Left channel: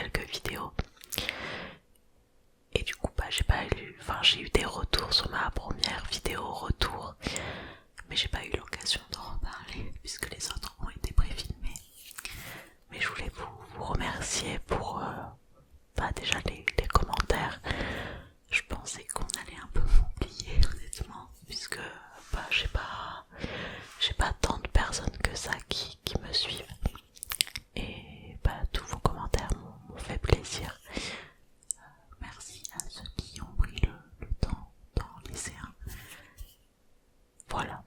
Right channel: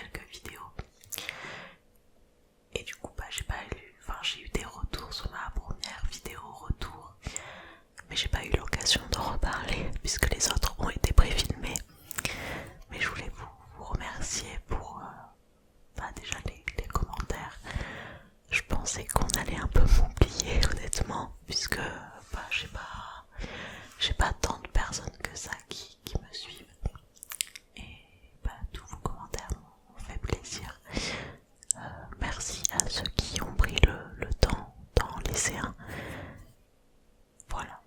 quelques vidéos. Et du coup j'ai eu des retours sur ma première vidéo retour, mais j'ai pas eu l'occasion d'en reparler puisque les autres ont été préfilmés. Mais je voulais vous remercier pour déjà les commentaires. Je pensais qu'on allait un peu m'oublier honnêtement, puisque j'ai pas tant de personnes que ça qui me suivent. Et tous vos commentaires m'ont fait plaisir. Merci à ceux qui ont pris le temps d'en laisser un. Voilà.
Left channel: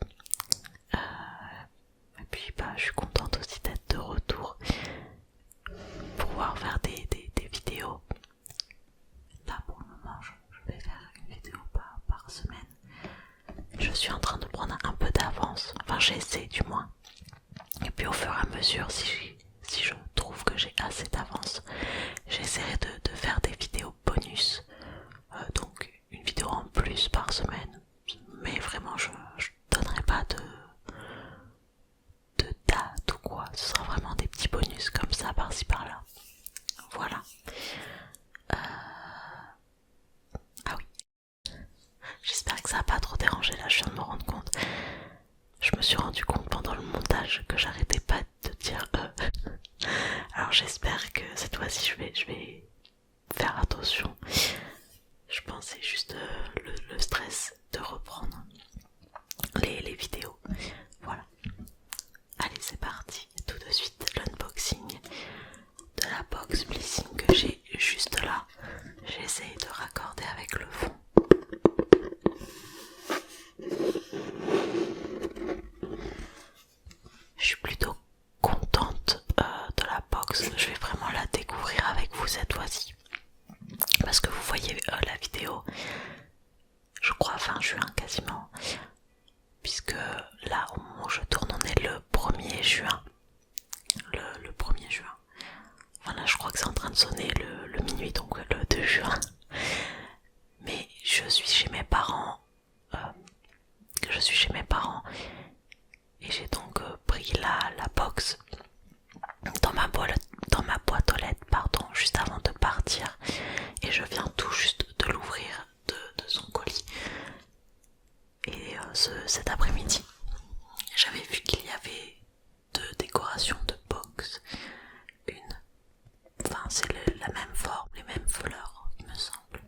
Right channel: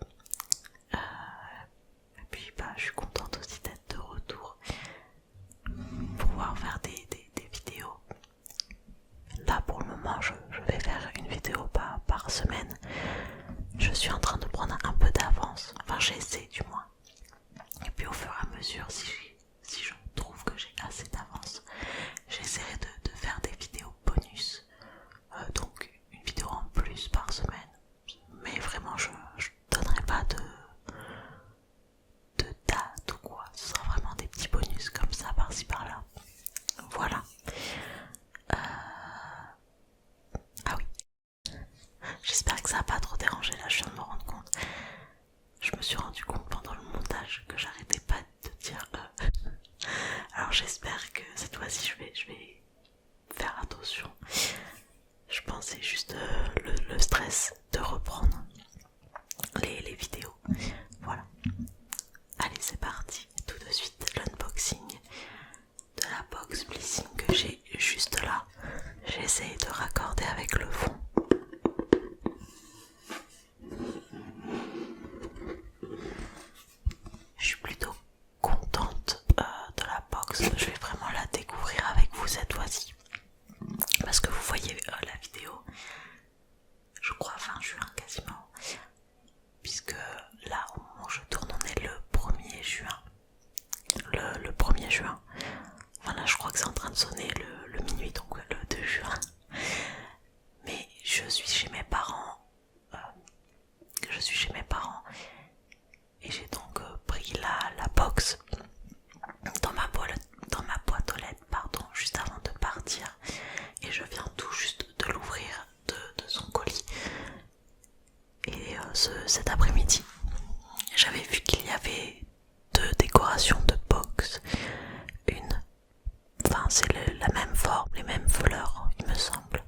Et puis je suis contente aussi d'être de retour, pouvoir faire des vidéos. Là pour le moment je vais faire une vidéo par semaine. Je suis en train de prendre un peu d'avance, enfin j'essaie du moins. Et puis au fur et à mesure, si je trouve que j'ai assez d'avance, j'essaierai de faire des vidéos bonus. Donc une vidéo en plus par semaine. Mais vraiment je donnerai pas de date ou quoi. Ce sera vraiment des petits bonus comme ça par-ci par-là. Voilà. Ah oui. J'espère que ça n'a pas trop dérangé, là je viens de me rendre compte. Je me suis rendu compte pendant le montage que j'arrêtais pas de dire Alors j'espère que cette fois-ci je vais faire attention. Je pensais juste le stress de reprendre les vidéos. Voilà. Allez c'est parti, tout de suite l'unboxing de la box Blissing que j'ai juste là. J'essaie de raccorder avec le fond. Je suis plutôt contente de la box. Je vais vraiment la découvrir avec vous cette fois-ci. Parce que vous voyez la vidéo, je crois fin juin quasiment. Puisque là au moment où je tourne on est le 1er juin. Le 1er juin. Voilà, je crois que c'est en train de sonner le minuit, donc le 2 juin. Mais je suis chez mes parents. Et j'ai donc pris la box dans ma boîte aux lettres, pardon, juste avant de partir. Et je viens tout juste de l'ouvrir de son colis. Et cet après-midi, j'avais vu qu'il y avait 2 décorations de box. C'est la même forme, les mêmes fleurs, il me semble.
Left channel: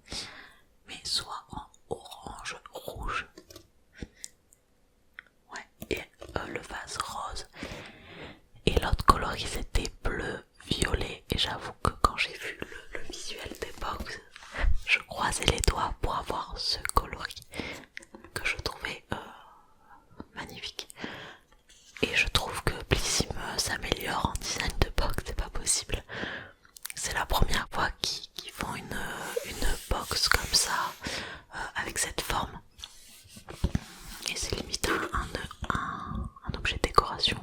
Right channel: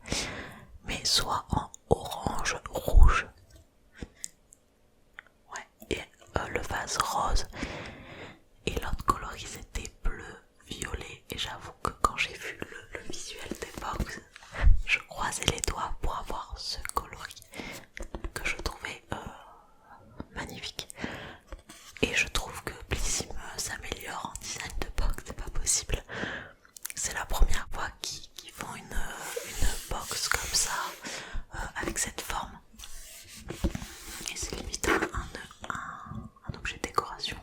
Mais soit en orange, rouge. Ouais, et le vase rose. Et l'autre coloris c'était bleu, violet. Et j'avoue que quand j'ai vu le visuel des box, je croisais les doigts pour avoir ce coloris que je trouvais magnifique. Et je trouve que Blissim s'améliore en design de box, c'est pas possible. C'est la première fois qu'ils font une box comme ça, avec cette forme. Et c'est limite un objet de décoration.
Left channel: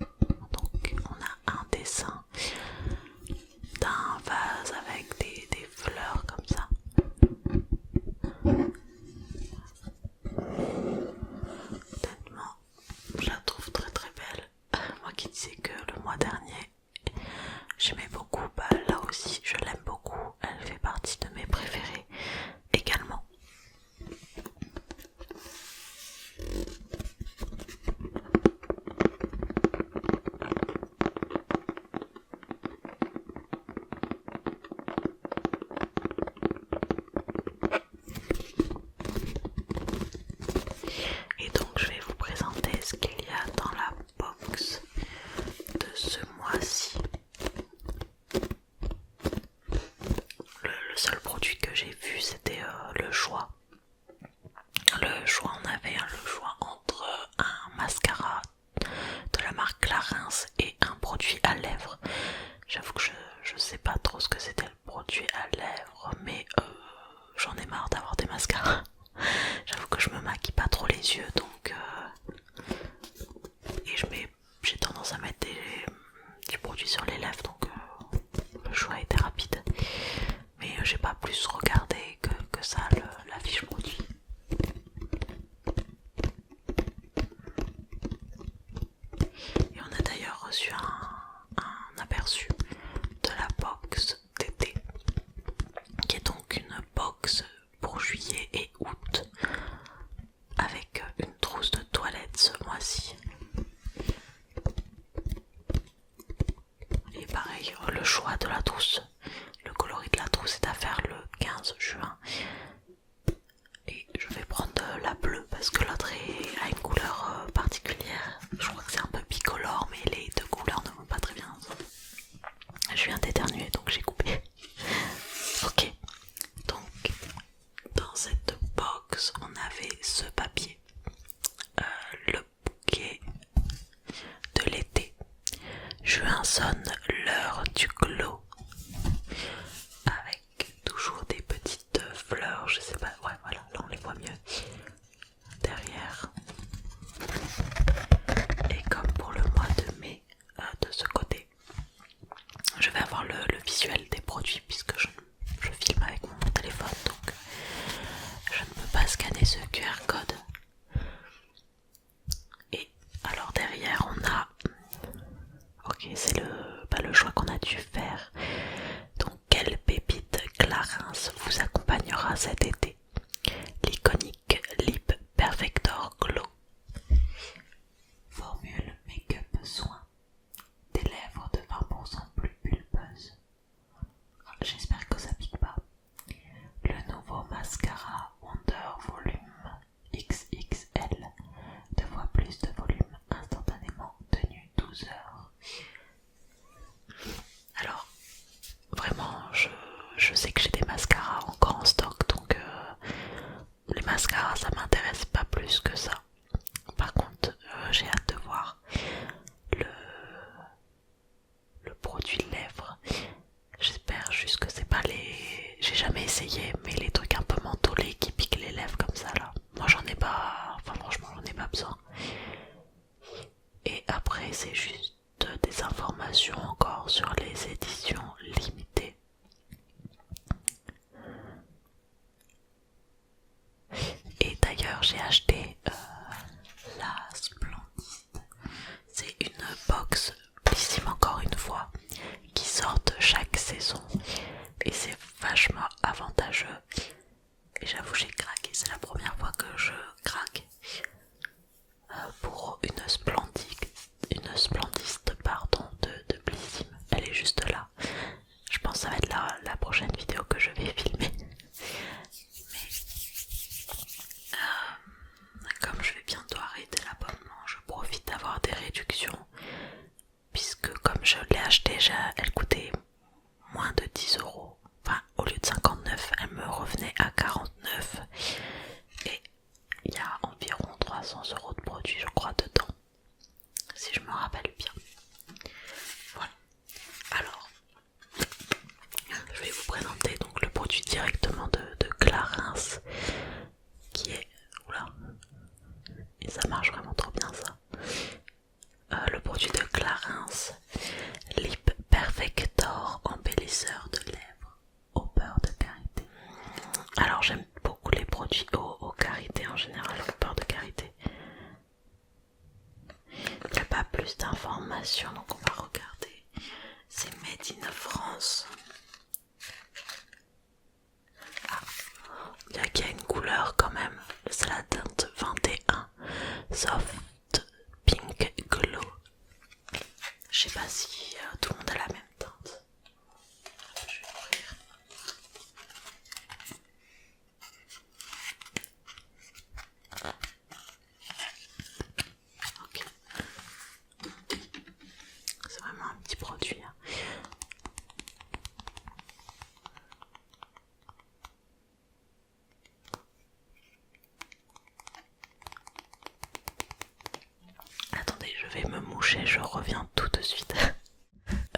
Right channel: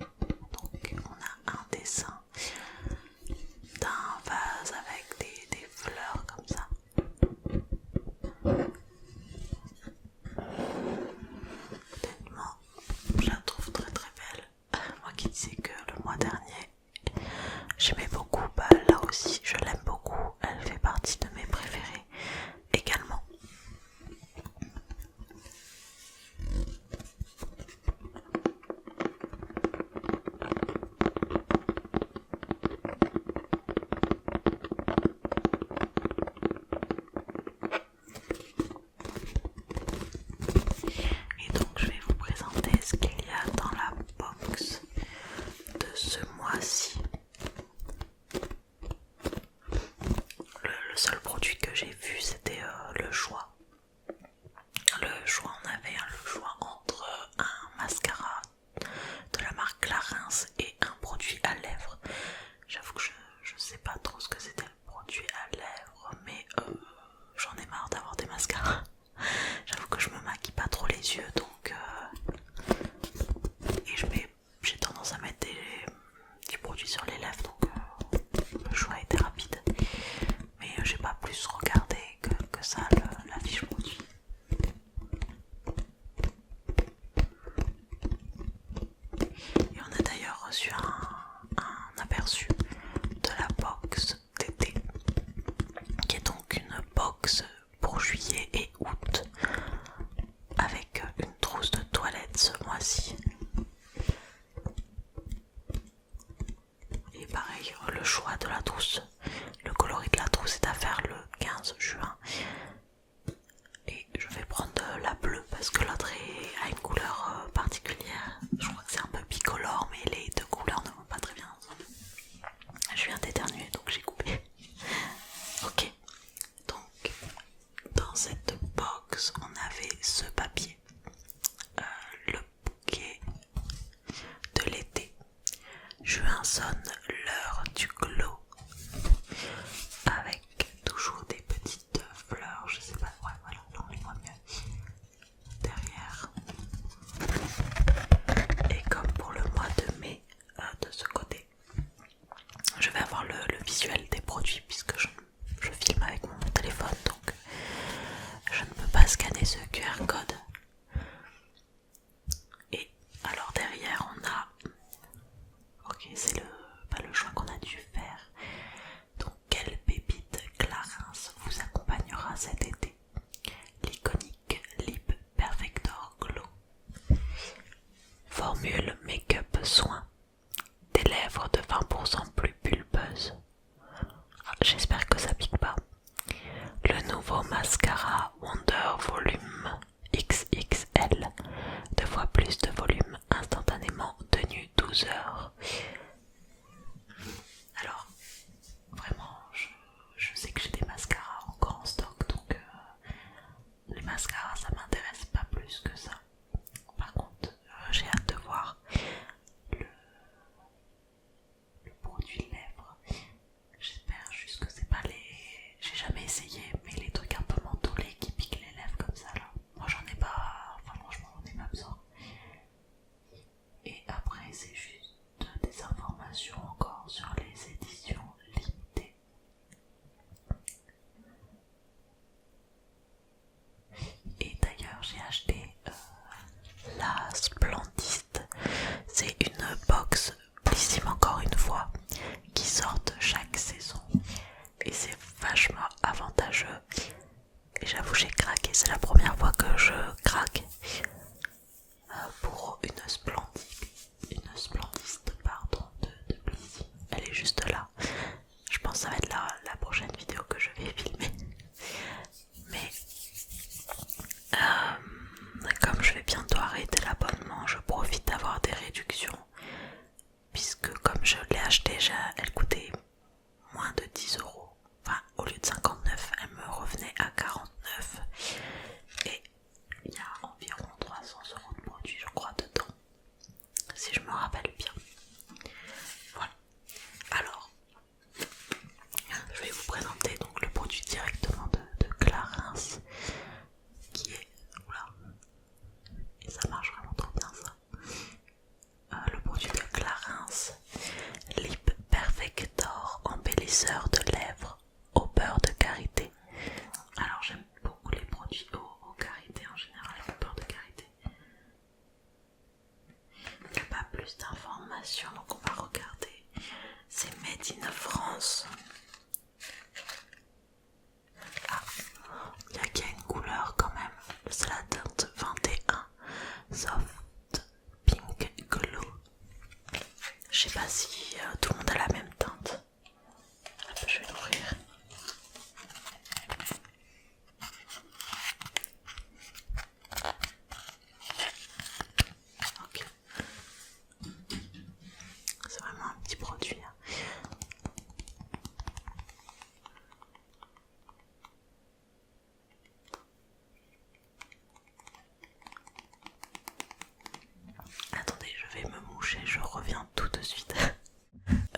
Donc on a un dessin d'un vase avec des fleurs comme ça. Honnêtement, je la trouve très très belle. Moi qui disais que le mois dernier j'aimais beaucoup, là aussi je l'aime beaucoup. Elle fait partie de mes préférés également. Et donc je vais vous présenter ce qu'il y a dans la box de ce mois-ci. Le seul produit que j'ai vu c'était le choix. On avait le choix entre un mascara de la marque Clarins et un produit à lèvres. J'avoue que je sais pas trop ce que c'était le produit à lèvres, mais j'en ai marre d'avoir des mascaras. J'avoue que je me maquille pas trop les yeux, donc et j'ai tendance à mettre du produit sur les lèvres, donc le choix était rapide. Mais j'ai pas plus regardé que ça la fiche choix de la trousse. Le coloris de la trousse est à faire le 15 juin. Et je vais prendre la bleue parce que l'autre a une couleur particulière. Je crois que c'est un peu bicolore, mais les deux couleurs ne vont pas très bien ensemble. Je viens d'éternuer donc j'ai coupé. Ok, donc dans cette box on avait ce papier, le bouquet de l'été. Juin sonne l'heure du clos, avec toujours des petites fleurs, je sais pas, ouais voilà, là on les voit mieux derrière. Et comme pour le mois de mai, de ce côté, je vais avoir le visuel des produits puisque je filme avec mon téléphone, donc je ne peux pas scanner ce QR code. Et alors derrière on a, ok c'est le choix qu'on a dû faire. Donc quelle pépite Clarins vous accompagnera cet été? L'iconique Lip Perfector Glow, formule make-up soin, des lèvres de 20% plus pulpeuses. J'espère que ça pique pas. Le nouveau mascara Wonder Volume XXL, 2 fois plus de volume instantanément, tenu 12 heures. Alors, vraiment, je sais que j'ai des mascaras encore en stock, donc les mascaras ça m'intéresse pas plus que ça. Par contre, j'ai hâte de voir le produit lèvres. J'espère juste que c'est pas les... J'ai jamais essayé, mais les trucs un peu mentholés qui piquent les lèvres comme ça là. Moi j'en ai pas... Enfin franchement j'en ai pas besoin. Et après c'est juste des informations encore sur les éditions limitées. Et d'ailleurs j'ai acheté la Splendiste. C'est une box Blissim encore une fois qui sortent chaque saison et c'est vachement avantageux. Et j'avoue j'ai craqué, c'est la première fois que je craque pour une Splendiste pardon, de Blissim. Elle est juste là. Je pense que ça va être la prochaine vidéo que je vais filmer. Mais comme je vais bientôt arrêter l'abonnement, je profite d'avoir des réductions. Puisque comme je l'ai acheté, elle coûtait moins de 10 euros. Enfin, au lieu de 59, elle me revenait à 49. Et il y a environ 300 euros de produits, je crois, dedans. Si je me rappelle bien. Voilà. Alors, je vais vous présenter donc le produit directement de Clarins. Qui est... Oula. Et ça marche vraiment trop bien ça. Le produit de Clarins, Lip Perfector embellisseur de lèvres au beurre de karité. Alors j'aime beaucoup les produits au karité en général, au beurre de karité. Il n'y a pas plus d'informations donc on va regarder. C'est Made in France. Ah, il y a une couleur quand même. C'est la teinte 21 Soft Pink Glow. Je sais pas si tout le monde a la même teinte. Hop, je vais l'ouvrir. Ok. C'est vraiment un petit produit. Hein. Attendez, je vais me moucher, je reviens tout de suite.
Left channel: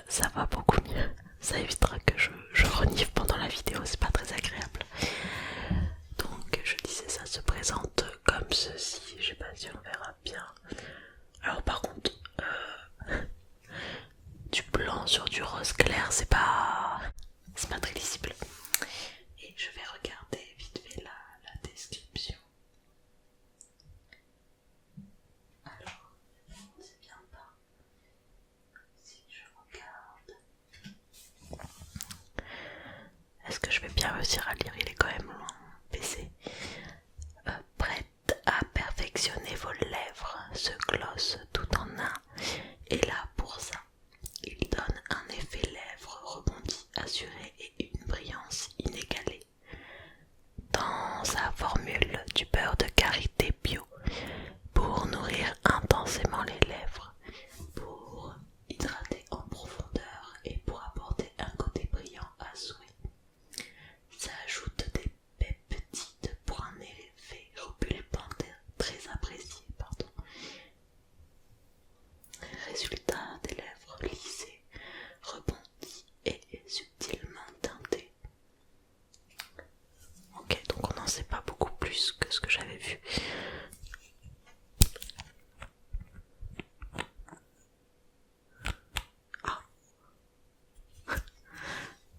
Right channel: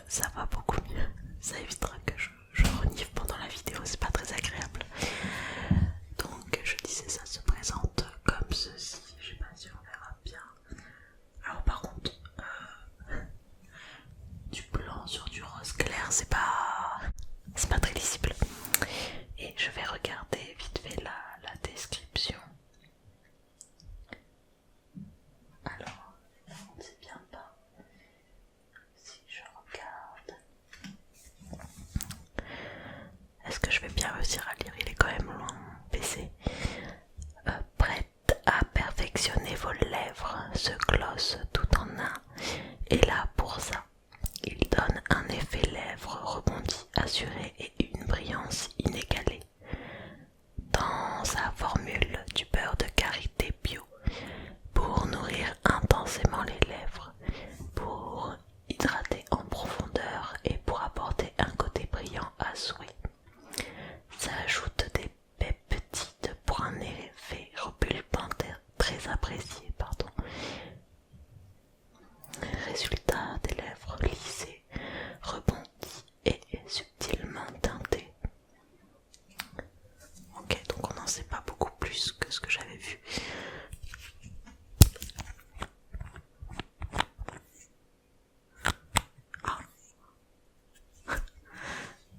Ça va beaucoup mieux. Ça évitera que je renifle pendant la vidéo, c'est pas très agréable. Donc je disais, ça se présente comme ceci. Je sais pas si on verra bien. Alors par contre, du blanc sur du rose clair, c'est pas très lisible. Et je vais regarder vite fait la description. Alors, on ne sait bien pas si je regarde. Est-ce que je vais bien réussir à lire? Il est quand même loin mon PC. Prête à perfectionner vos lèvres, ce gloss tout en un est là pour ça. Il donne un effet lèvres rassurée et une brillance inégalée. Dans sa formule du beurre de karité bio pour nourrir intensément les lèvres, pour hydrater en profondeur et pour apporter un côté brillant à souhait. Ça ajoute des peptides pour un effet repulpant très apprécié. Résultat, des lèvres lissées, rebondies et subtilement teintées. Ok, donc on n'en sait pas beaucoup plus que ce que j'avais vu. Ah,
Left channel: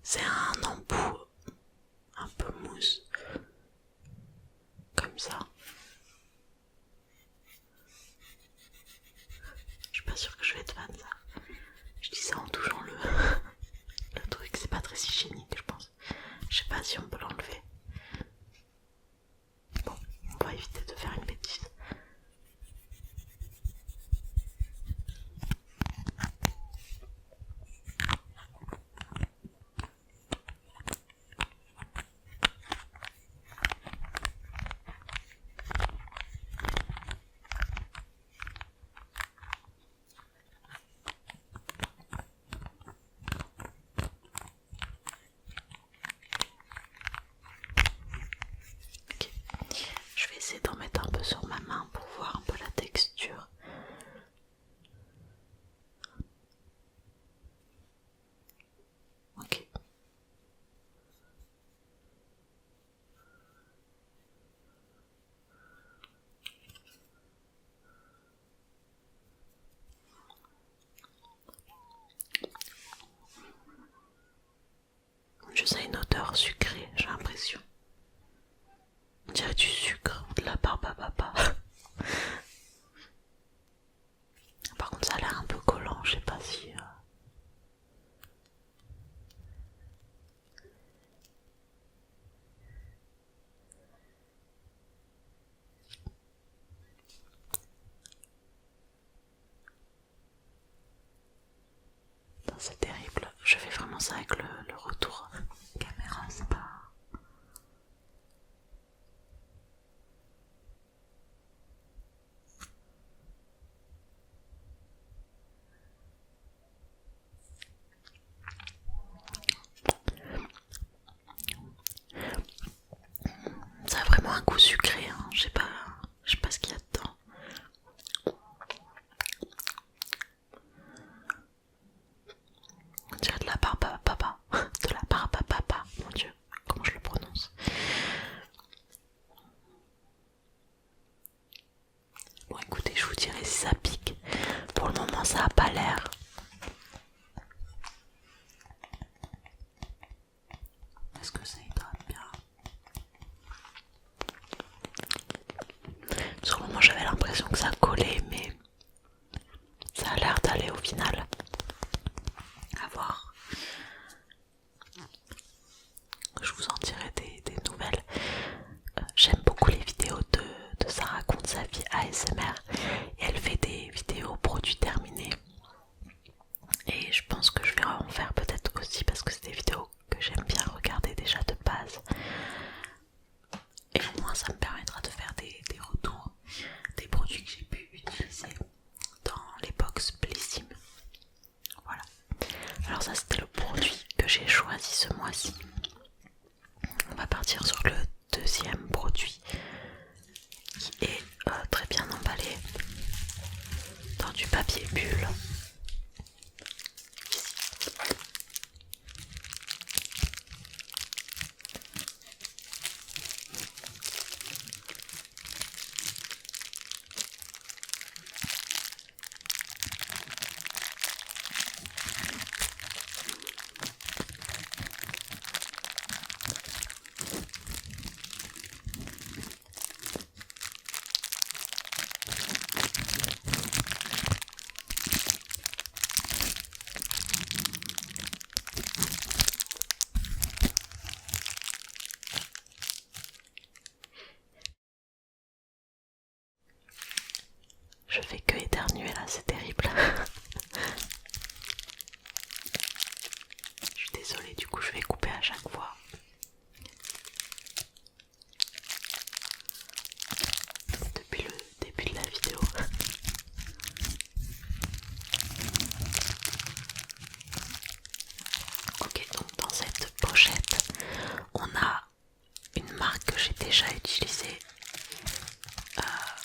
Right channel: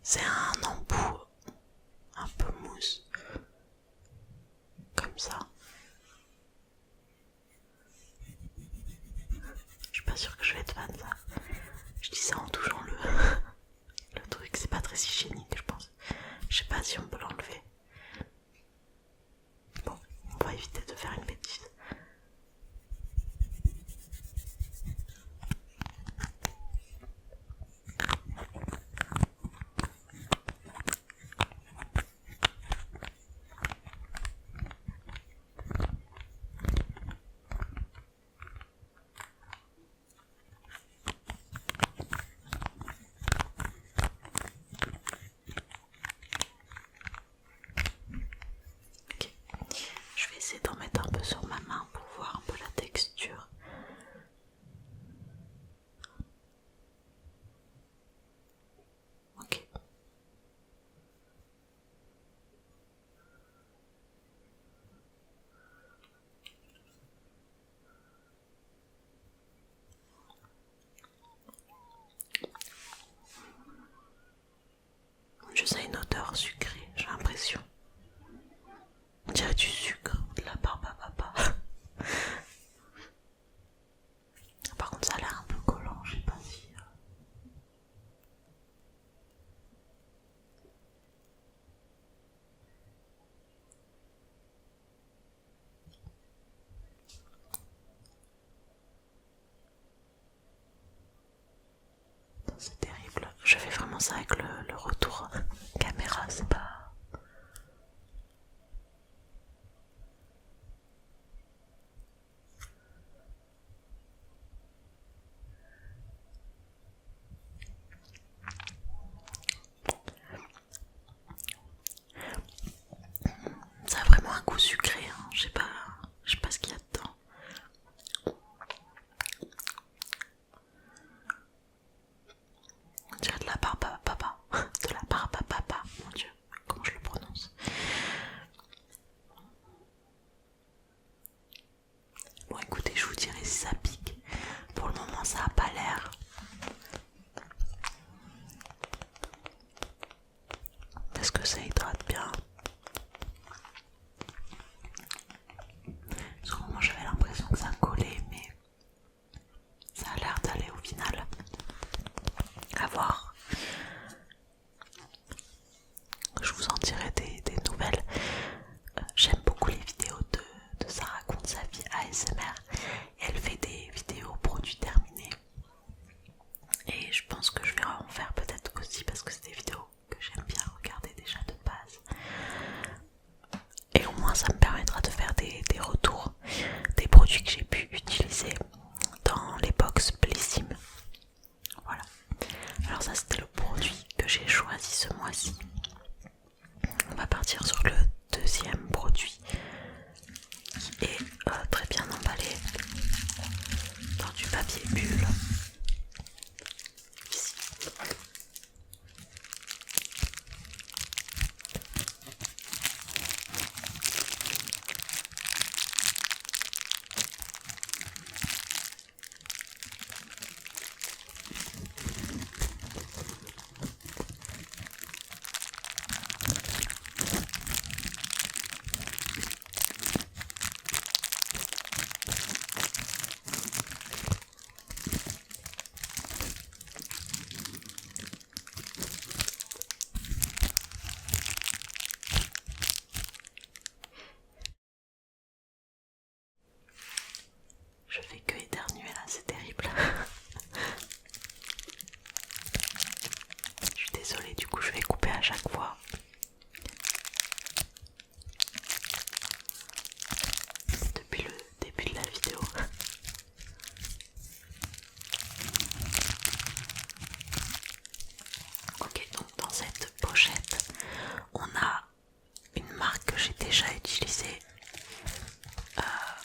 c'est un embout un peu mousse, comme ça. Je suis pas sûre que je vais être fan de ça. Je dis ça en touchant le truc, c'est pas très hygiénique je pense. Je sais pas si on peut l'enlever. Bon, on va éviter de faire une bêtise. Ok, je vais essayer d'en mettre un peu sur ma main pour voir un peu la texture. Ok. Je sens une odeur sucrée, j'ai l'impression. On dirait du sucre, de la barbe à papa. Par contre, ça a l'air un peu collant, je sais pas si. C'est terrible. Je fais vraiment ça avec le retour caméra, c'est pas. Ça a vraiment un goût sucré, hein. Je sais pas ce qu'il y a dedans. On dirait de la barbe à papa. De la barbe à papa, mon dieu, comment je le prononce. Bon écoutez, je vous dirai si ça pique. Pour le moment ça a pas l'air. Est-ce que ça hydrate bien? Sur le moment j'avais l'impression que ça collait, mais ça a l'air d'aller au final. À voir. Je vous en dirai des nouvelles. J'aime beaucoup les vidéos de Ça raconte sa vie ASMR. Et elle fait des vidéos produits terminés. Et je pense que je vais en faire peut-être aussi parce que c'est des vidéos que j'aime bien regarder déjà de base. Et au moins ça me permettra de faire des retours des produits que j'ai pu utiliser dans les box Blissim. Voilà. Alors ça c'était le produit que j'ai choisi ce mois-ci. On va partir sur le deuxième produit qui est très bien emballé dans du papier bulle. Ici. coup je vais couper à chaque fois. Depuis le début de la vidéo. Ok, donc dans cette pochette, on a une marque que j'ai déjà utilisée,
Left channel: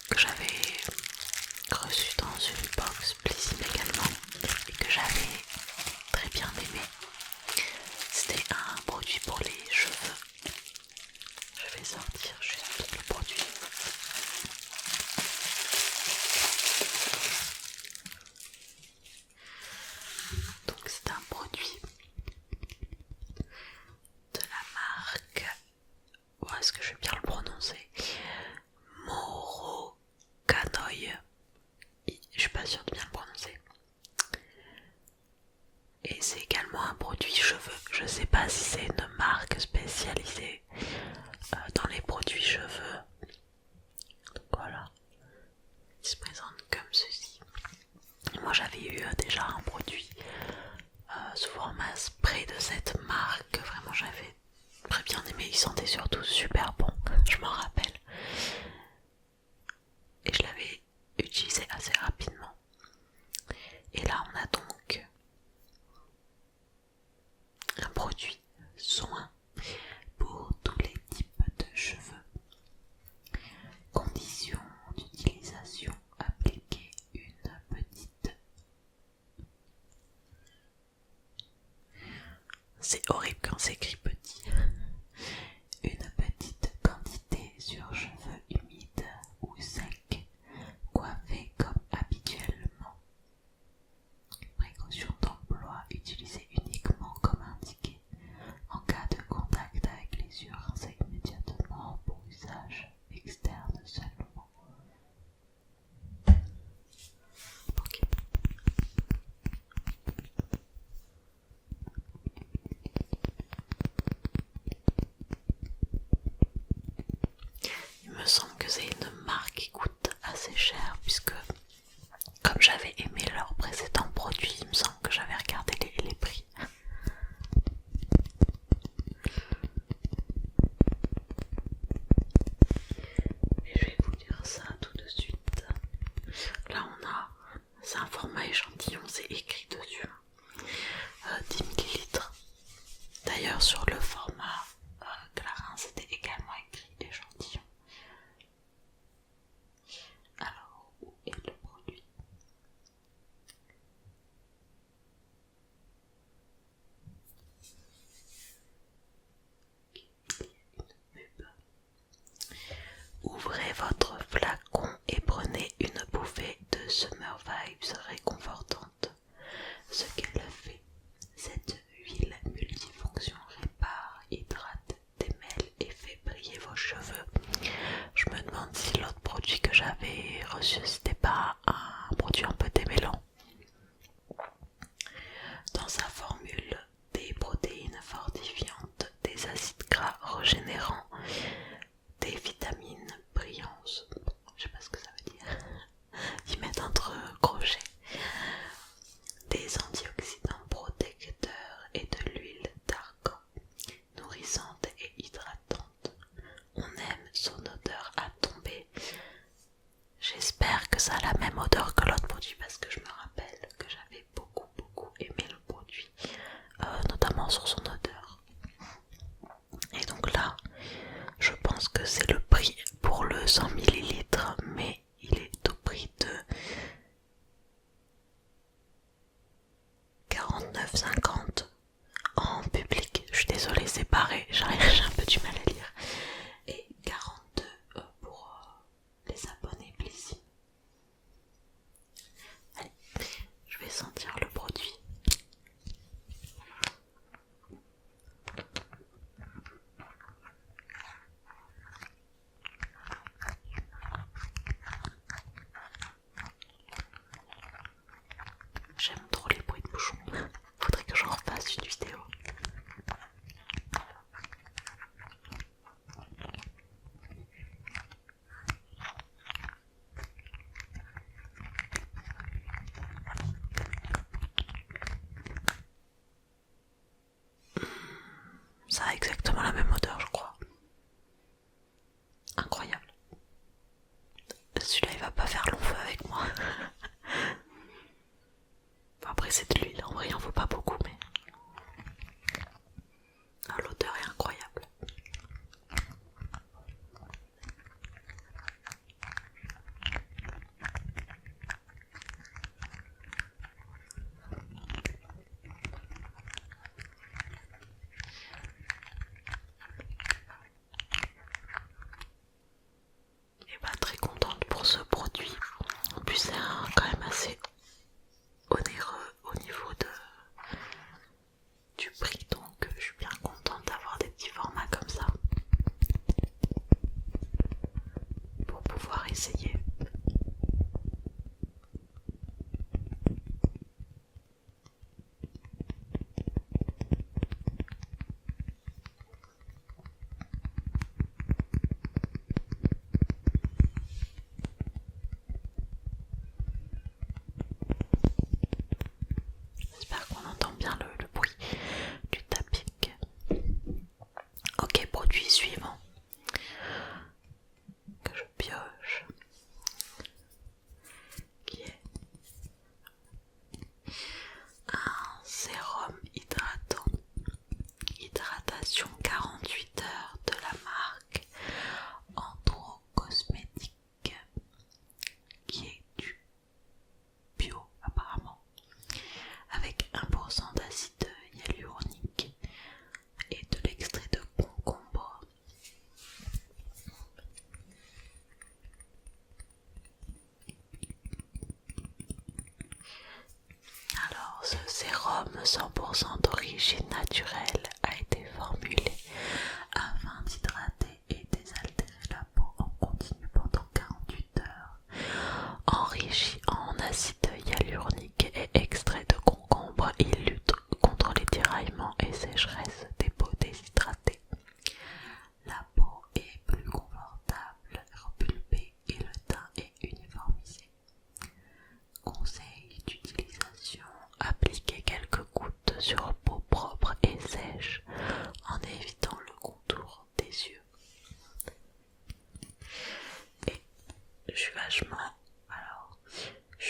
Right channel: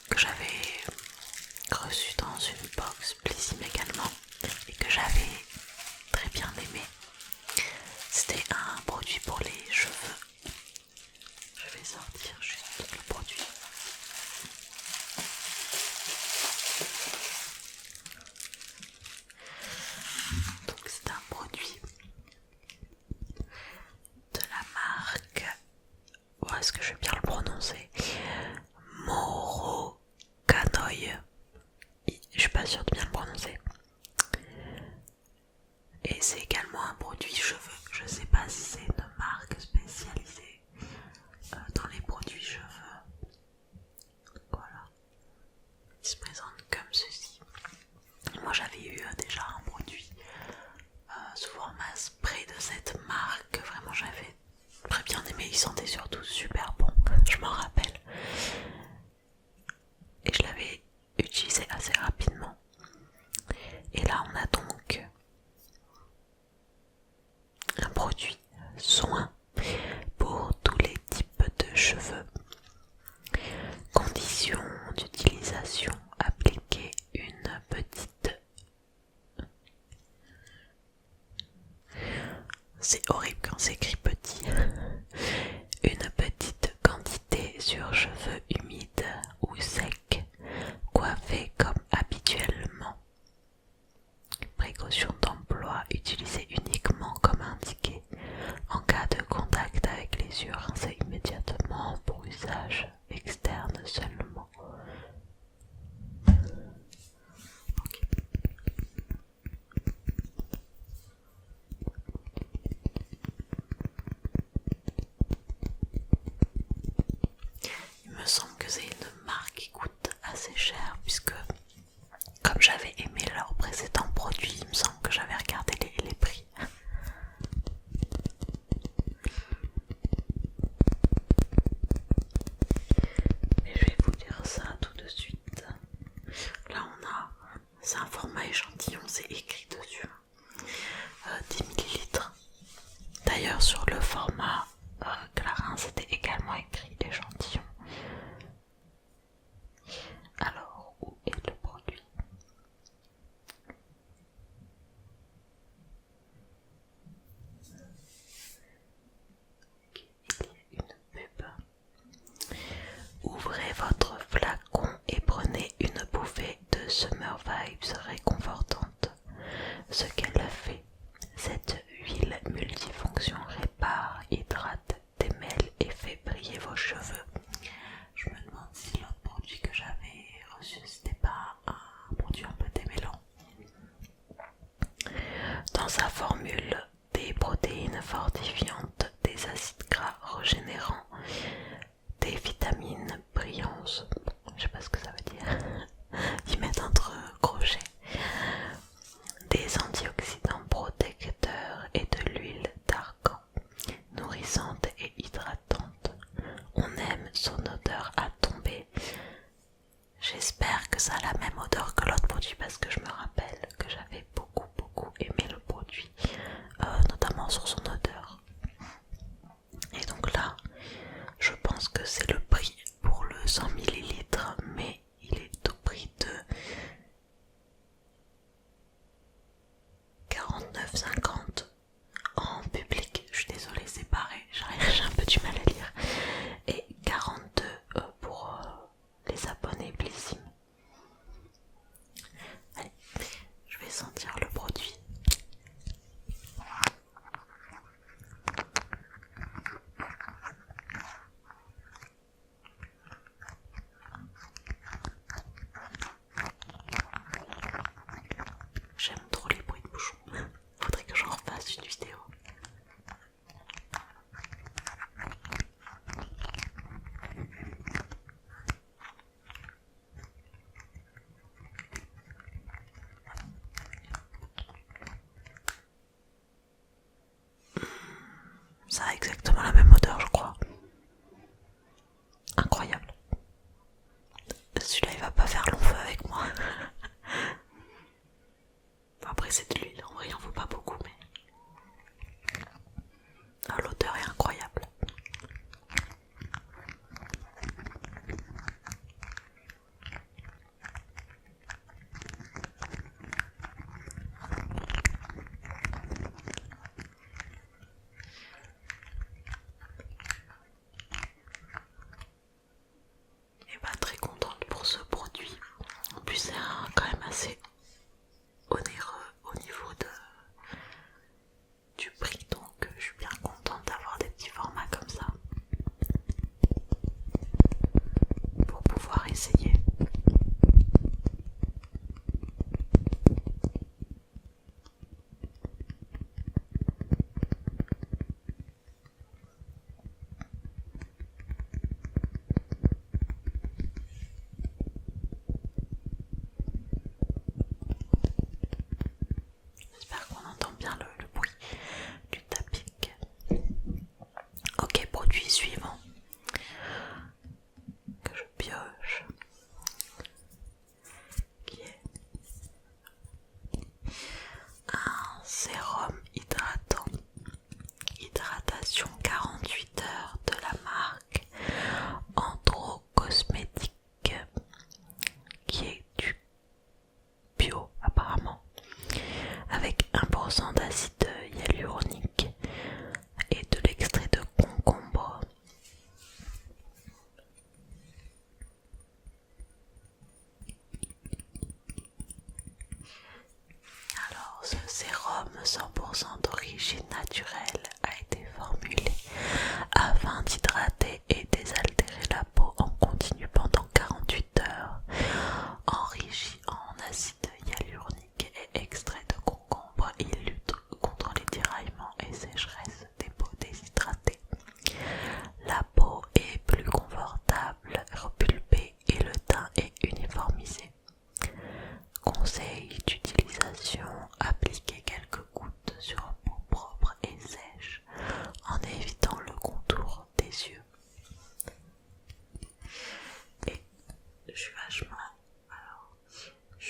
que j'avais reçue dans une box Blissim également, et que j'avais très bien aimé. C'était un produit pour les cheveux. Je vais sortir juste le produit. Donc c'est un produit de la marque, est-ce que je vais bien le prononcer, Moro Canoï. Je suis pas sûre de bien le prononcer. Et c'est également un produit cheveux. Je sais pas si c'est une marque spécialisée dans les produits cheveux. Donc voilà, il se présente comme ceci. Moi j'avais eu déjà un produit sous format spray de cette marque. Vraiment j'avais très bien aimé. Il sentait surtout super bon, je m'en rappelle. Et je l'avais utilisé assez rapidement. Et là on a donc un produit soin pour tous les types de cheveux. Conditions d'utilisation: appliquer une petite... C'est horrible quand c'est écrit petit. Une petite quantité sur cheveux humides ou secs, coiffés comme habituellement. Précaution d'emploi: utiliser uniquement comme indiqué. En cas de contact avec les yeux, rincez immédiatement, pour usage externe seulement. Ok. Il me semble que c'est une marque qui coûte assez cher, puisque comme j'avais aimé leur précédent produit, il me semble que j'avais regardé les prix. Mais je vais vous dire ça tout de suite. Là on a, c'est un format échantillon, c'est écrit dessus, 10 ml. D'ailleurs sur le format Clarins c'était également écrit échantillon. Alors où est le produit? Il y a une pub. Ouvrez votre flacon et prenez une bouffée de Summer Vibes réconfortante. Ce qu'elle fait, cette huile multifonction répare, hydrate, démêle et fait briller vos cheveux. Je me demande si l'autre produit que j'avais reçu c'était pas un produit un peu démêlant. Dans sa formule, des protéines fortifiantes, des acides gras régénérants, des vitamines brillantes, je sais pas ce que ça veut dire, ils mettent entre crochets, des antioxydants protecteurs et de l'huile d'argan, nourrissante et hydratante. On aime son odeur à tomber. J'espère que ça a la même odeur que l'autre produit, parce que je me rappelle que j'avais beaucoup aimé le produit, notamment sur son odeur. Et donc là, je pense que c'est le prix pour le 100 ml, mais il est au prix de 49,50 en public. Je suis désolée, c'est pareil, j'ai un peu du mal à lire. Et 42 pour les abonnés Blissim. Allez, je vais sentir le produit. J'aime trop les bruits de bouchons. Faudrait que j'en refasse une vidéo. produit suivant que je pioche, qui est un sérum hydratant, hydratation 48 heures de la marque Andro Cosmétique, qui est du bio apparemment, avec 1% d'acide hyaluronique et de l'extrait de concombre. Alors, ce sérum 100% d'origine naturelle a été formulé afin d'hydrater et désaltérer la peau en continu pendant 48 heures, enrichi en acide hyaluronique et extrait de concombre. Il lutte contre les tiraillements et sécheresses des peaux déshydratées. La peau est plus confortable, repulpée et le teint est uniformisé. Conseil d'utilisation: appliquez quelques gouttes sur peau propre et sèche en évitant le contour des yeux. Et je suis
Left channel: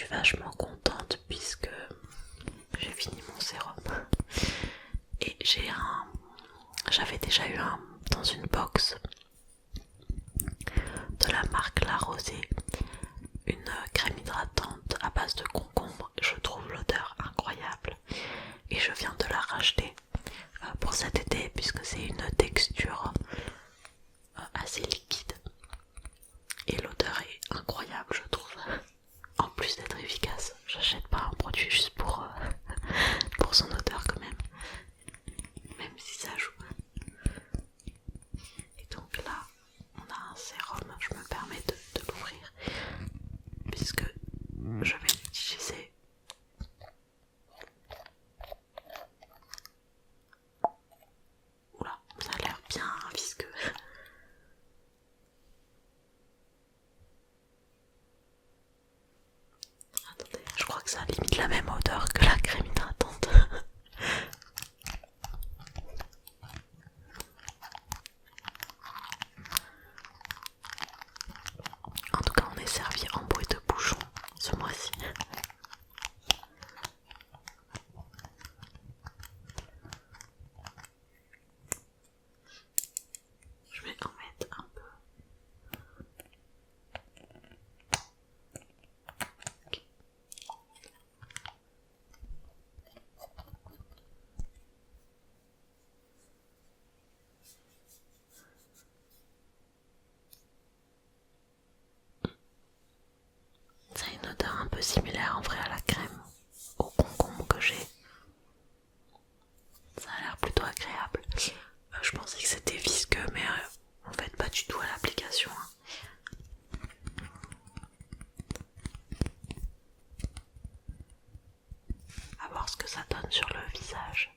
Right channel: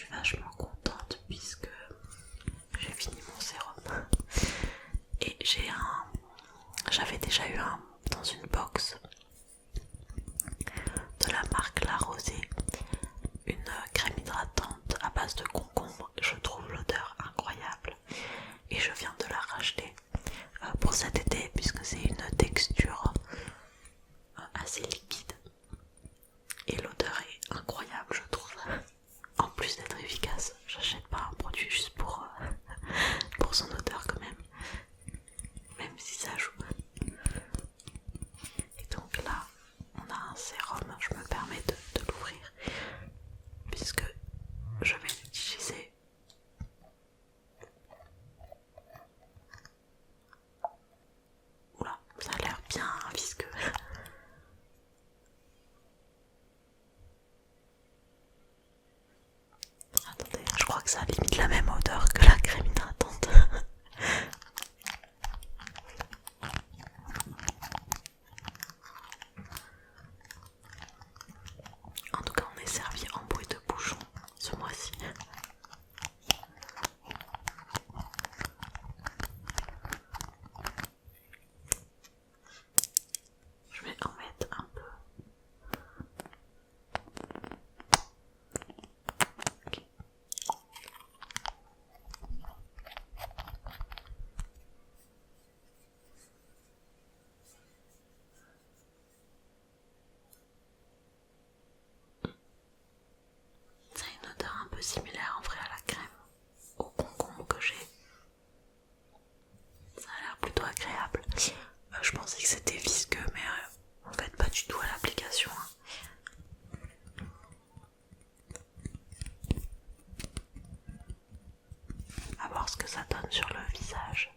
vachement contente puisque j'ai fini mon sérum et j'avais déjà eu un dans une box de la marque La Rosée, une crème hydratante à base de concombre. Je trouve l'odeur incroyable et je viens de la racheter pour cet été puisque c'est une texture assez liquide et l'odeur est incroyable, je trouve. En plus d'être efficace, j'achète pas un produit juste pour son odeur quand même si ça joue. Et donc là on a un sérum, je me permets de l'ouvrir puisque je vais l'utiliser. Oula, ça a l'air bien visqueux. Attendez, je crois que ça a limite la même odeur que la crème hydratante. En tout cas, on est servi en bruit de bouchon ce mois-ci. Je vais en mettre un peu. Okay. Ça a une odeur un peu similaire en vrai à la crème au concombre que j'ai. Ça a l'air plutôt agréable. Je pensais que c'était visqueux mais en fait pas du tout à l'application. À voir ce que ça donne sur le visage.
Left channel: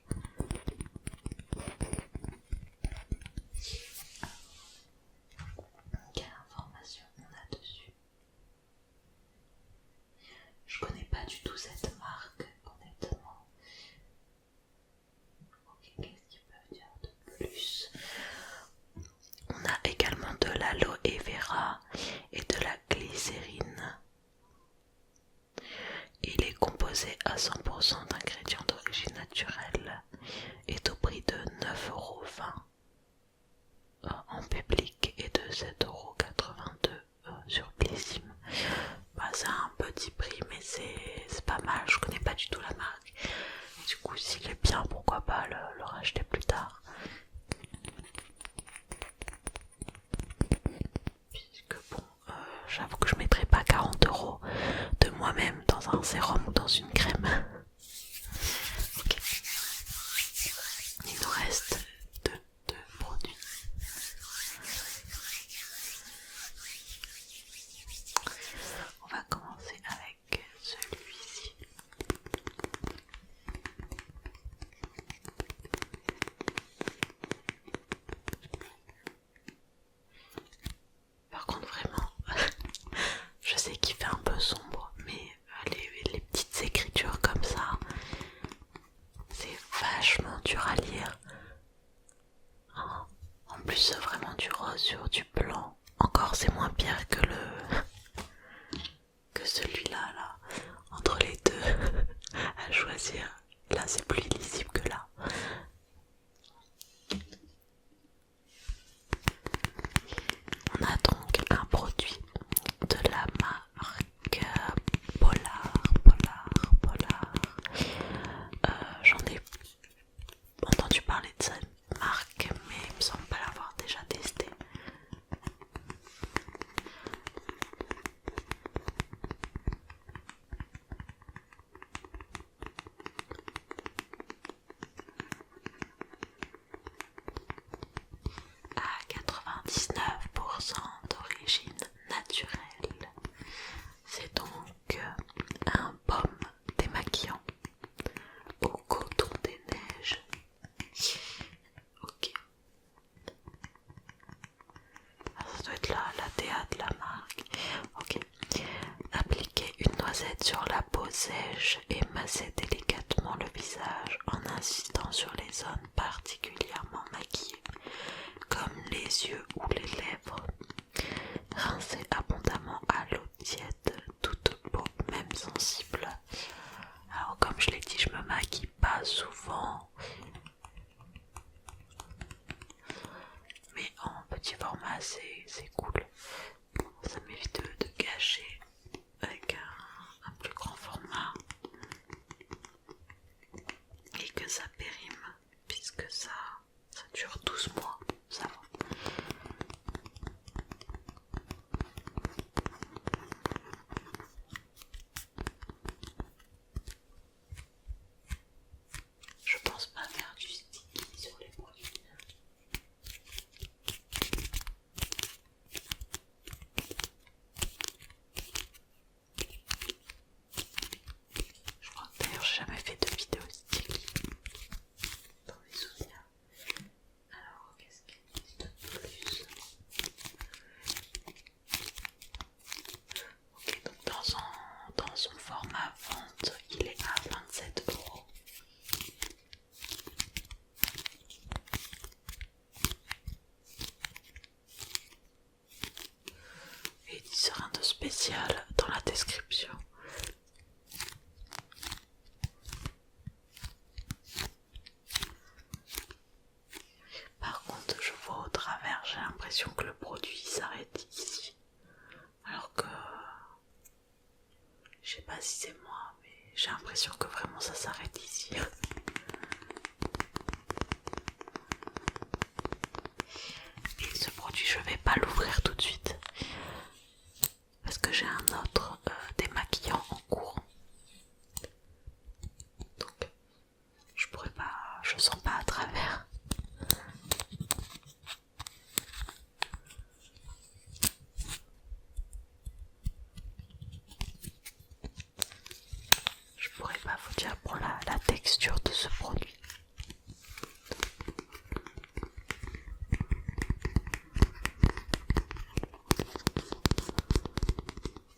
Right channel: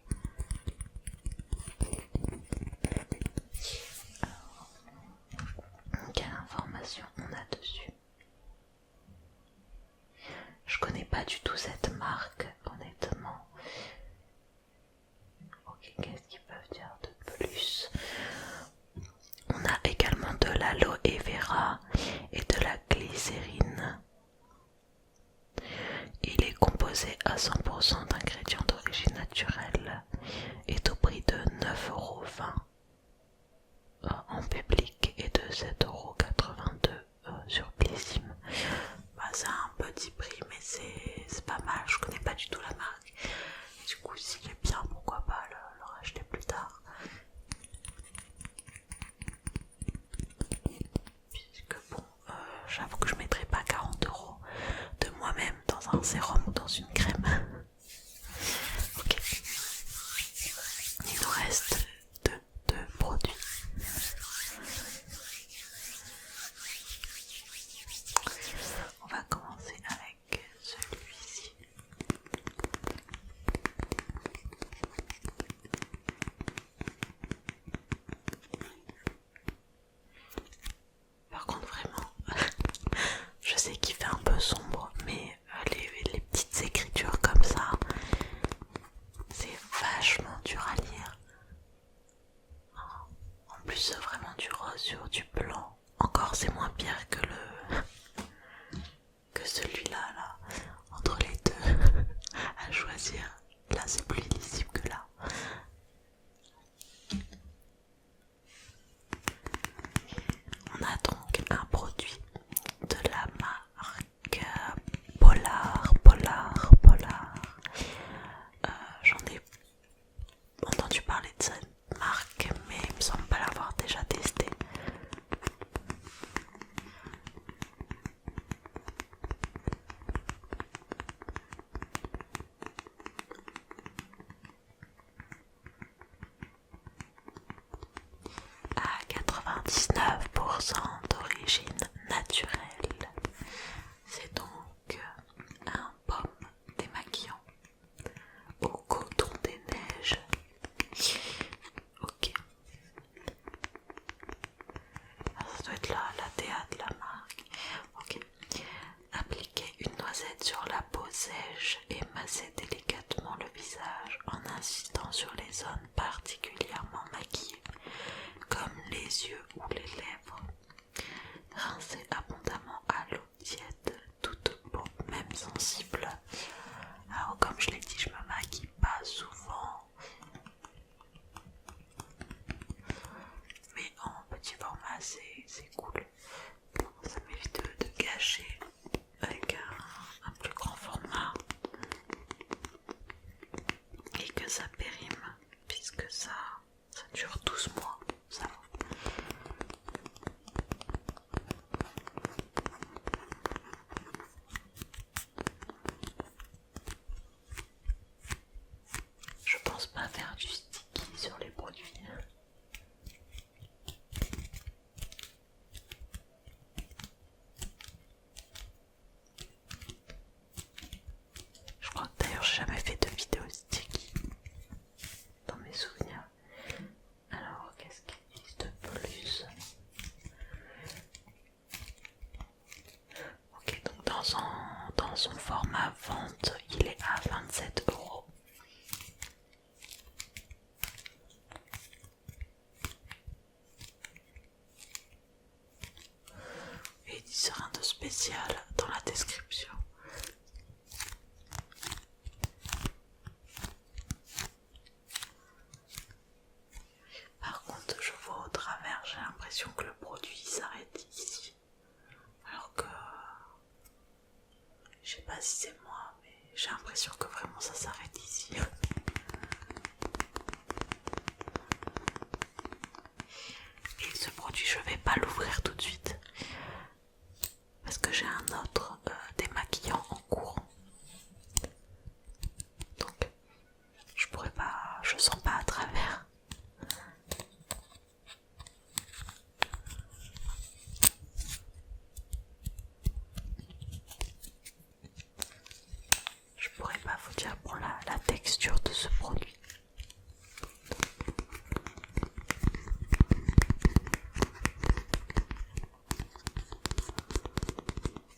Alors, quelle information on a dessus? Je connais pas du tout cette marque, honnêtement. Ok, qu'est-ce qu'ils peuvent dire de plus? On a également de l'aloe vera et de la glycérine. Il est composé à 100% d'ingrédients d'origine naturelle, est au prix de 9,20 € en public et de 7,82 € sur Blissim. C'est un petit prix mais c'est pas mal, je connais pas du tout la marque. Et du coup s'il est bien, pourquoi pas le racheter plus tard. Puisque bon, j'avoue que je mettrai pas 40 € de moi-même dans un sérum ou dans une crème. Ok. plus vraiment du rose sur du blanc. Encore c'est moins pire que que celui-là là. Entre les deux à choisir. Là c'est plus lisible que là. On a donc un produit de la marque Polar. J'en ai entendu parler de cette marque, mais il me semble pas l'avoir déjà testé. À 99% d'origine naturelle. C'est donc un baume démaquillant au coton des neiges. Ok. Alors ça doit être la DA de la marque. Ok. Appliquez une noisette sur la peau sèche et massez délicatement le visage en insistant sur les zones particulièrement maquillées, comme les yeux ou les lèvres. Rincez abondamment à l'eau tiède toute peau, même sensible. Alors comme je l'ai dit, je me maquille pas souvent, mais en petit format c'est cool. Ça m'évite de gâcher avec un plus grand format et que ça périme, puisque ça dure 12 mois, ça va. Je pense pas faire du sticky sur les produits. Je crois que d'ailleurs j'ai jamais fait de vidéo sticky dans mes souvenirs. Alors qu'est-ce qu'il existe de plus? Ok, donc dans son format vente, il est à 27 €. Et il dit rien de spécial dans la description. Par contre, je vois au travers, j'ai l'impression que le produit s'arrête ici. Alors que je sais pas si c'est moi, mais j'ai l'impression que vraiment ça s'arrête ici. Et ce produit, je vais pas l'ouvrir tout de suite parce que j'ai un autre démaquillant en cours. Donc je pourrais pas, je sens pas à travers. Je pourrais pas vous dire pour la texture de ce produit.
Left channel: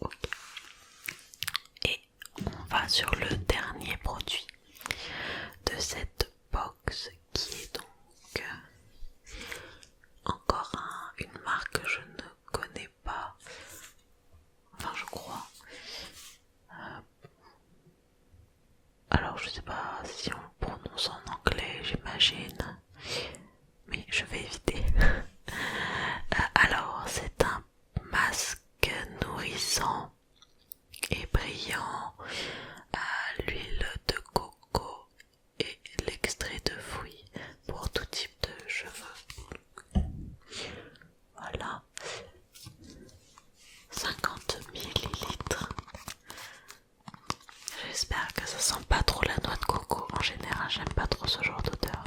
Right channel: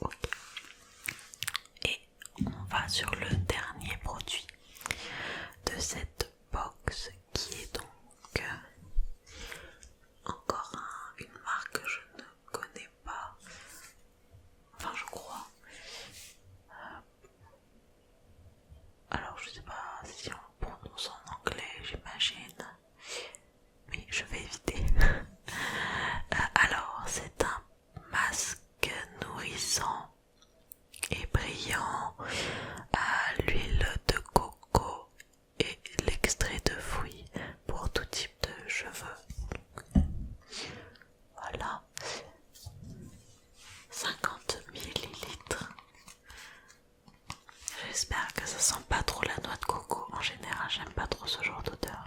Okay. Et on va sur le dernier produit de cette box qui est donc encore une marque que je ne connais pas. Enfin je crois. Alors je sais pas si on le prononce en anglais, j'imagine, mais je vais éviter. Alors c'est un masque nourrissant et brillant à l'huile de coco et l'extrait de fruits pour tout type de cheveux. Voilà, 50 millilitres. J'espère que ça sent pas trop la noix de coco. En général, j'aime pas trop ce genre d'odeur.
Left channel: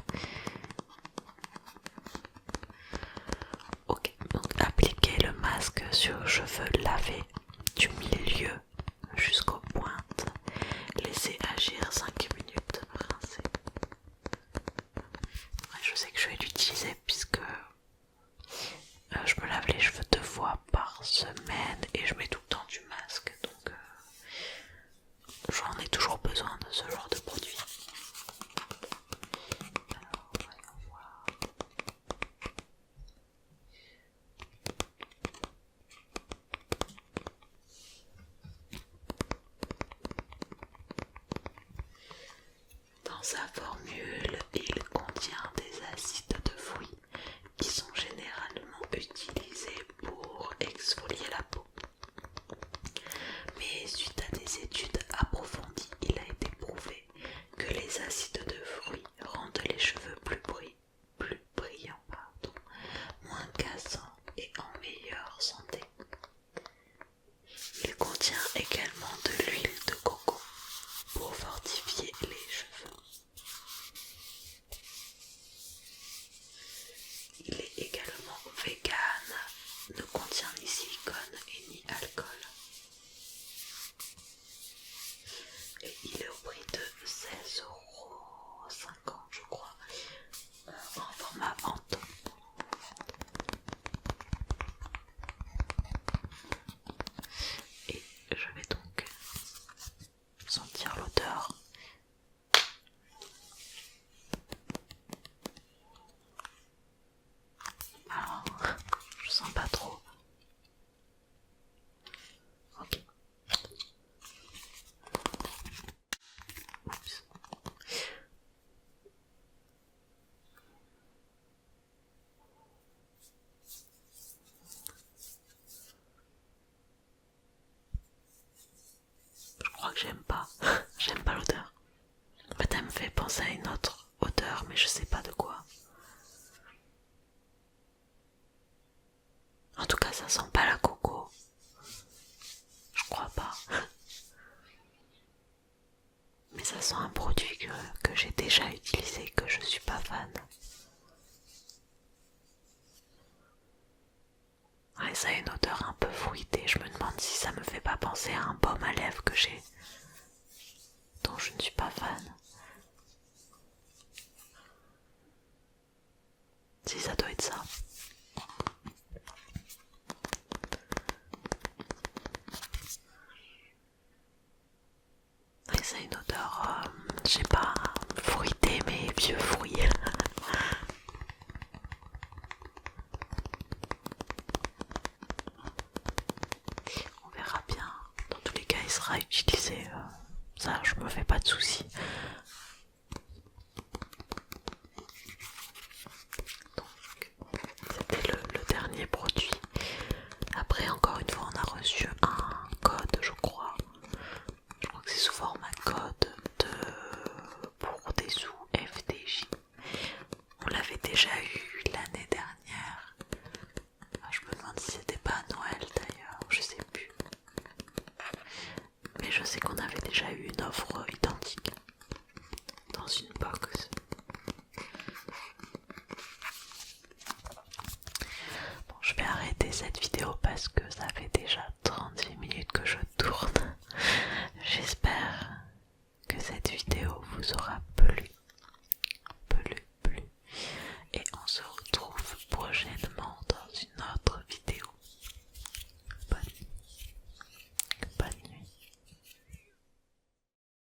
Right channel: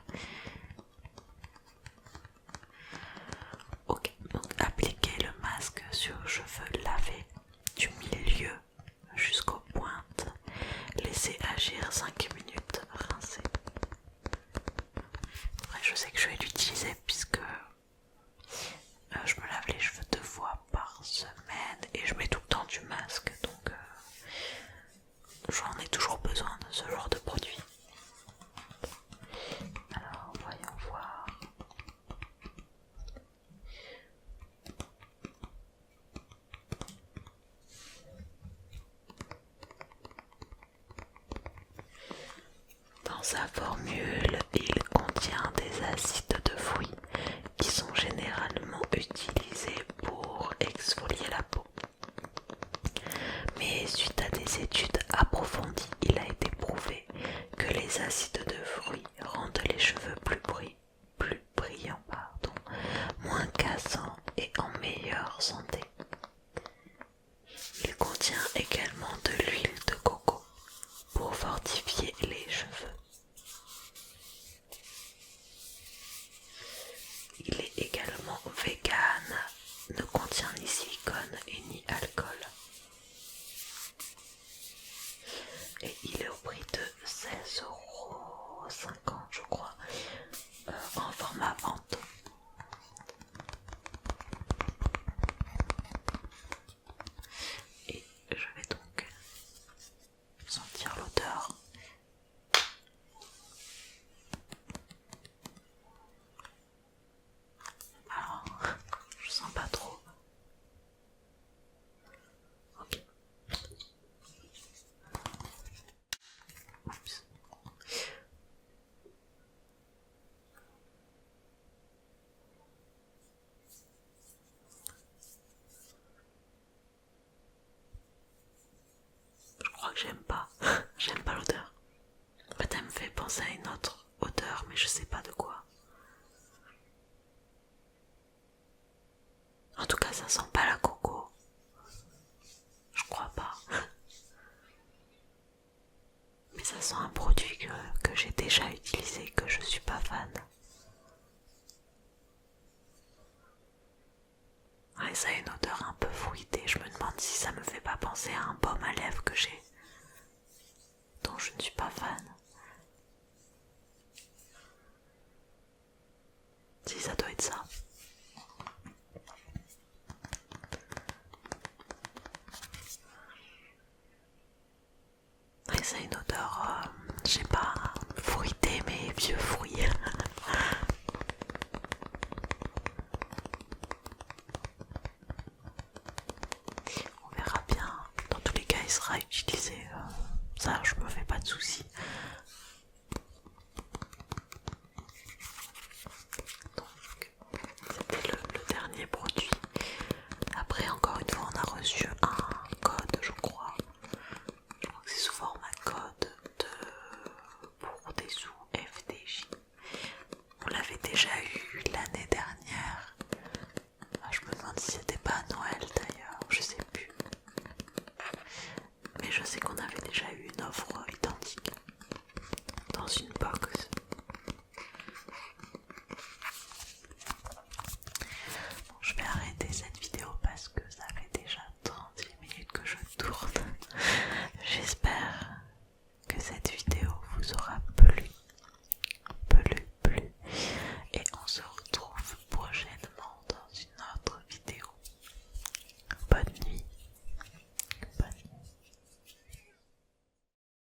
Ok, donc appliquez le masque sur cheveux lavés du milieu jusqu'aux pointes. Laissez agir 5 minutes, rincez. Après, je sais que je vais l'utiliser puisque je me lave les cheveux 2 fois par semaine et je mets tout le temps du masque, donc j'en ai toujours besoin de ce genre de produit. Alors voyons voir. sa formule, il contient des acides de fruits qui sont généralement utilisés pour exfolier la peau. Mais suite à des études approfondies, il a été prouvé que les acides de fruits rendent les cheveux plus brillants, moins cassants et en meilleure santé. Il contient également de l'huile de coco pour fortifier les cheveux. Il est également vegan, ne contient ni silicone et ni alcool. Et il est au prix de 16,50 € je crois, en format vente. Et je vais donc sentir l'odeur. Alors, je sens pas trop. Ok. Oups. Je crois que j'aime pas. J'aime pas l'odeur. En fait, elle me fait penser à une autre odeur, mais je sais pas de quoi. En tout cas, ça sent pas la coco. Je crois pas. Mais ça sent un produit que j'ai déjà utilisé, que je suis pas fan. Ouais, ça a une odeur un peu fruitée. Je me demande si ça me fait pas penser à un baume à lèvres que j'ai, dont je ne suis pas fan. Si, ça doit être ça. Et ça a une odeur, je sais pas, fruitée mais vieux fruits. On verra bien. Dans tous les cas, il sera utilisé. Ça, je me fais pas de soucis. Donc, c'était le dernier produit. Après, encore une fois, on a reçu un code, je crois. Je crois que c'est sous format code pour des sous FDJ. On l'avait déjà eu l'année dernière. Je me demande si c'était pas à Noël d'ailleurs, je sais plus. Mais je sais qu'on avait déjà eu une offre identique dans une box. Bon, je vais arrêter cette vidéo parce que ça fait déjà 36 minutes que je tourne.